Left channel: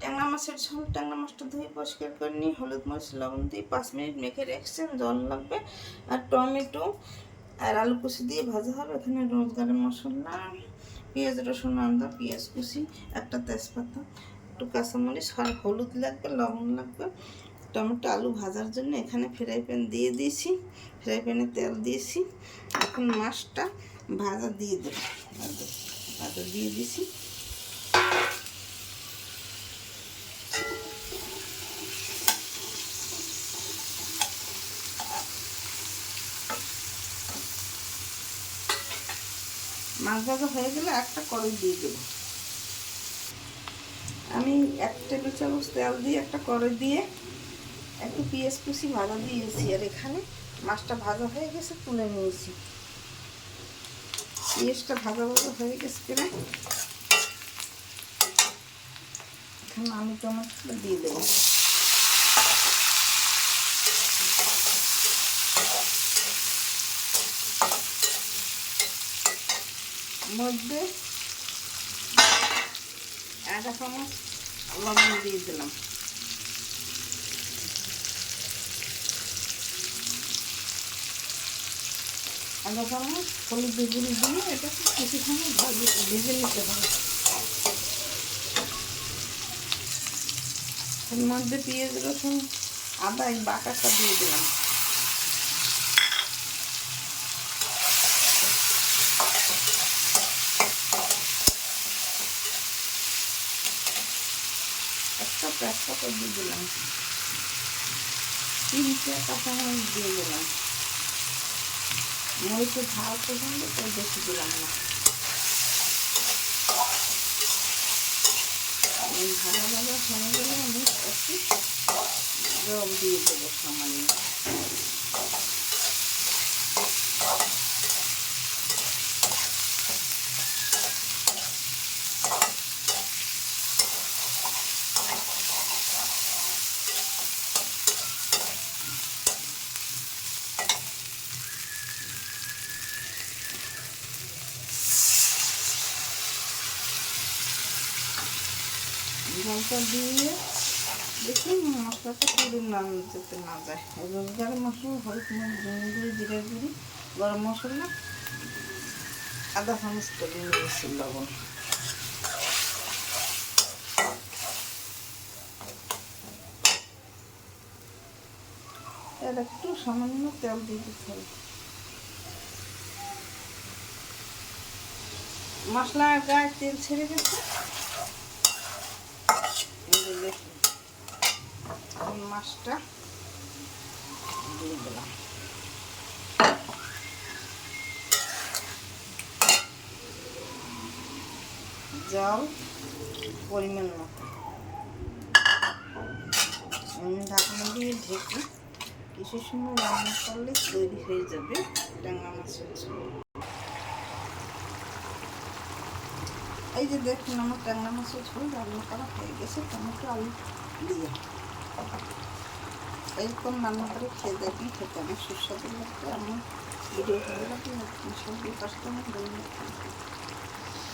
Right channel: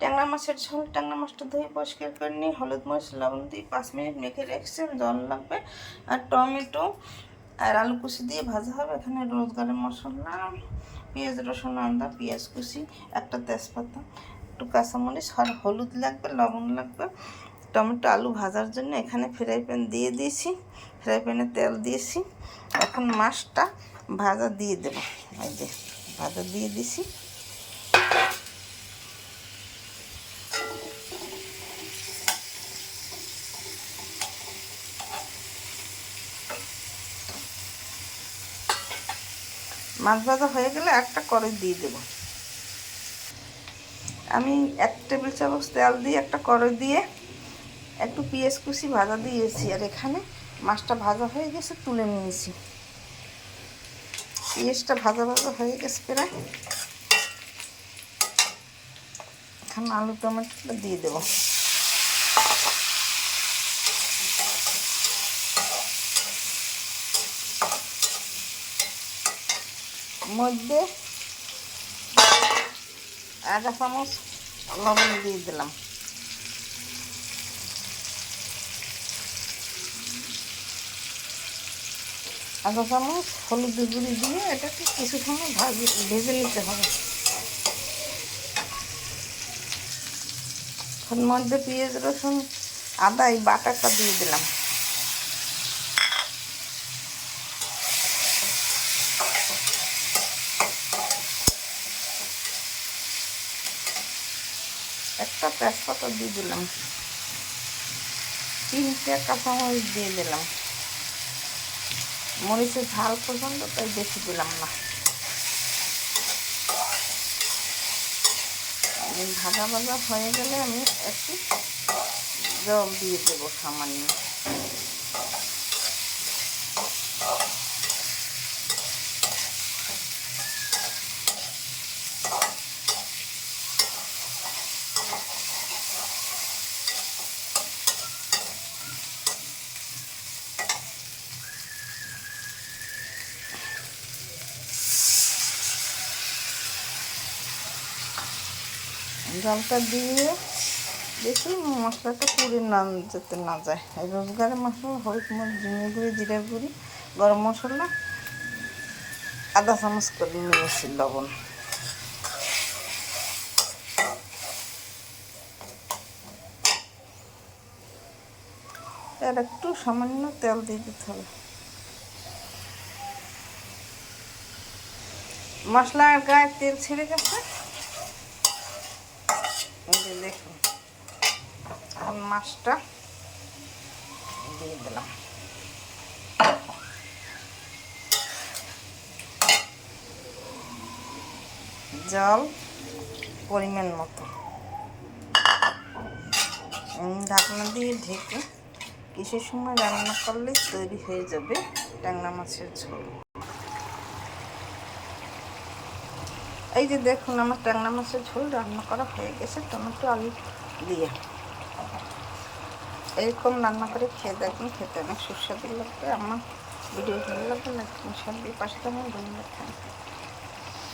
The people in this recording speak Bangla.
ট্যাংরা মাছের ঝোল, ট্যাংরা মাছটা ধুয়ে পরিষ্কার করে নিয়ে হলুদ মরিচ লবণ দিয়ে 5 মিনিট মেখে রেখেছি। জল লাগবে আর টমেটো আর আলু কুচি দিয়ে ভাজা হবে। এখানে রোজগারের মশলা, পেঁয়াজ রসুন আদা, পেঁয়াজ কুচি, একটা তেজপাতা, একটু কাঁচামরিচ আর হলুদ লাগবে, লবণ লাগবে। টমেটো আলু ভাজার জন্য এখানে ফ্রাই প্যান দিয়ে দিয়েছি, ফ্রাই প্যানে তেল দিয়েছি। এখন মাছটা ভাজা দিয়ে দেবো। এই যে ভাজা দিয়ে দিছি। মাছ ভাজা হয়ে গেলে একটা কড়াই দিয়ে দেবো। আমি 1 টেবিল চামচ তেল দিয়ে একটা কড়াই দিয়ে একটু পেঁয়াজ কুচি ভাজা দিয়েছি। আর এখানে মাছটা ভাজা হয়ে গেছে, তুলে নিয়েছি। পেঁয়াজটা ভাজা ভাজা হয়ে গেছে প্রায়। এখানে আলু টমেটোটা দিয়ে দেবো। মধ্যে 1 চামচ লবণ দিয়ে দিলাম। আধা চামচ হলুদ গুঁড়ি দিয়ে এটাকে কিছু সময় ভেজে নিতে হবে। এর মধ্যে পেঁয়াজ রসুন আদা এই বাটাটা দিয়ে দিলাম। একটা তেজপাতা দিয়ে দিলাম। 3টে কাঁচামরিচ দিয়ে দিলাম। মরিচের ঝাল পছন্দ তাই বেশি দিলাম না। ভাজা ভাজা হয়ে গেলে আমি একটু জল দিয়ে দেবো সামান্য। জলটা দিয়ে দেখি মশলাটা পুড়ে যেতে না যায়। এই রোজগারের মশলা, হলুদ মরিচ, ধনিয়া গুঁড়ি, জিরার গুঁড়ি, গরম মশলা, আধা চামচ করে নিয়েছি লবণ। আর একটু সামান্য তেল দিয়ে দিতে হবে। মশলার গায়ে তেল ছেড়ে গেছে, এই যে দেখুন। এখন মাছটা দিয়ে দিলাম। জল পরিমাণ মতো। ঢাকনা দিয়ে ঢেকে কিছু সময় রান্না করলে তৈরি হয়ে যাবে ট্যাংরা মাছের ঝোল। এই যে দেখুন আমার ট্যাংরা মাছের ঝোল রান্না করা হয়ে গেছে টমেটো আলু দিয়ে। এরকম রান্না করে খেয়ে দেখুন, খেতে অনেক সুস্বাদু লাগবে। আমার ভিডিও ভালো লাগবে, সব পাশে ধন্যবাদ।